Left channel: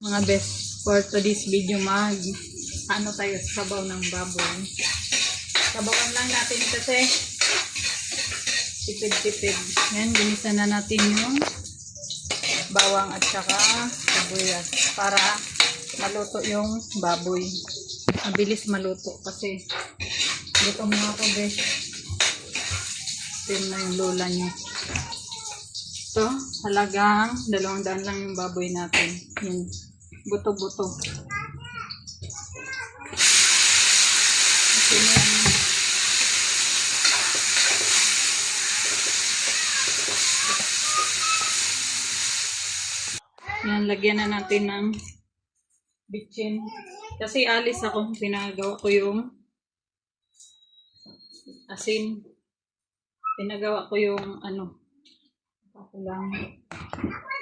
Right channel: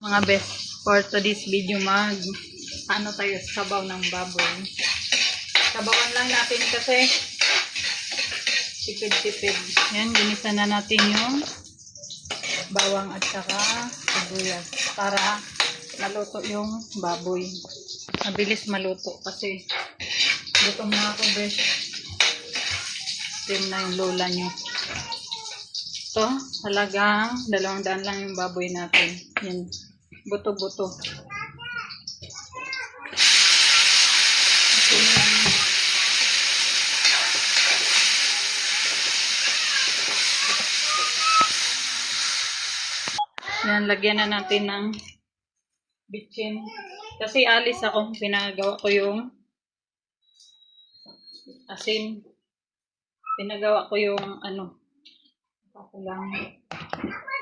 Mga best, for today's video ano tayo sabaw ng baboy. Sabawan lang natin kasi tipid-tipid. Yan, ginisa na natin yung bawang at saka sibuyas para maluto yung baboy. Mabilis maluto kasi gutom na ako best. Ito na yung lola nyo. Ito, halagang 200 lang yung baboy natin. Yan, buto-buto. Yan, lagyan na natin ng bitchin. Kasi alis ako, pinagawa ko yung asin. Pinagawa ko yung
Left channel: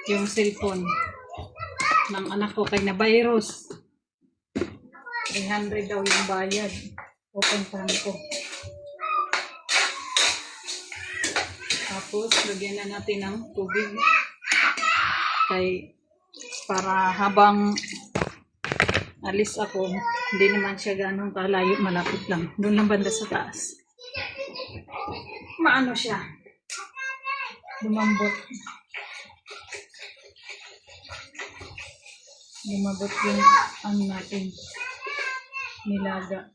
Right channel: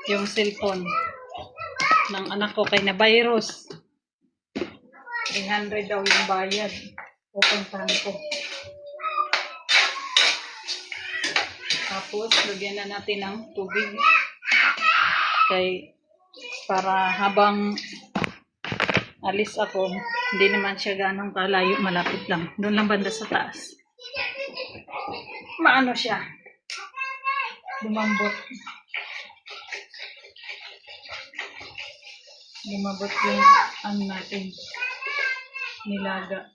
yung cellphone ng anak ko kay na virus. 300 daw yung bayad. Pupuntahan ko. Tapos, lagyan na natin ng tubig. Para habang alis ako, hindi naman siya ganong kalayo, malapit lang. Doon lang banda sa taas. Maano siya? Lumambot. Lumabot yung natin. Nilaga.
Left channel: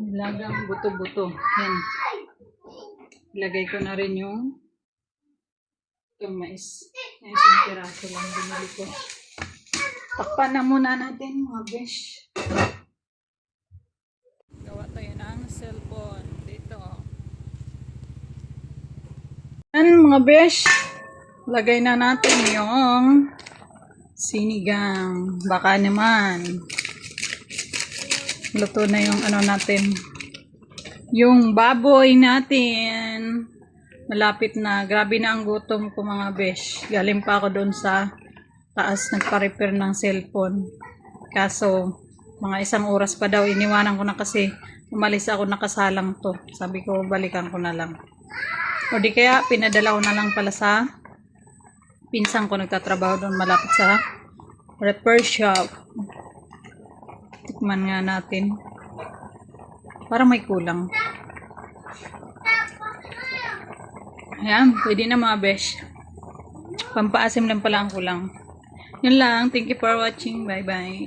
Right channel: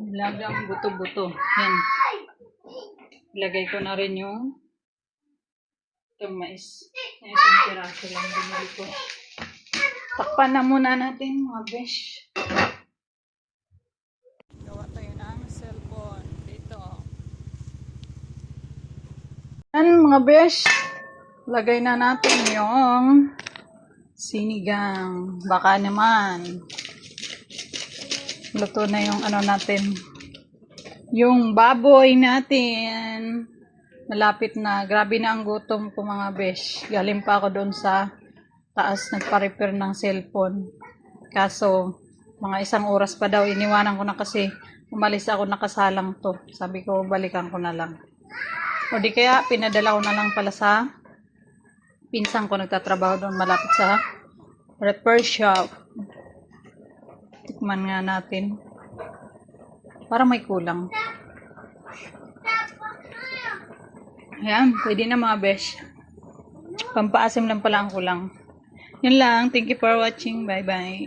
Nilagang buto-buto. Yan. Ilagay ko na rin yung itong mais. Yung isang piraso lang binili ko. Takpan na muna natin mga besh. Gawa tayo ng cellphone. Dito. Yan mga besh. Lagay na natin yung sinigang. Baka naman. Luto na yung natin. Yung baboy natin. Malapit na. Grabe na ang gutom ko mga besh. Galing pa ako doon sa taas nagpa-repair ng cellphone. Kaso, mga 1 oras pa daw. Iniwanan ko na kasi umalis ako nakasalang to. Sabi ko, balikan ko na lang. O di kaya, pinadala ko na lang pala sa pinsang ko nagtatrabaho doon malapit sa repair shop. Tikman nga natin. Para may kulang. Ayan, pwede na mga besh. Pampaasim lang pala ang kulang. Yun lang. Thank you for watching. Bye-bye.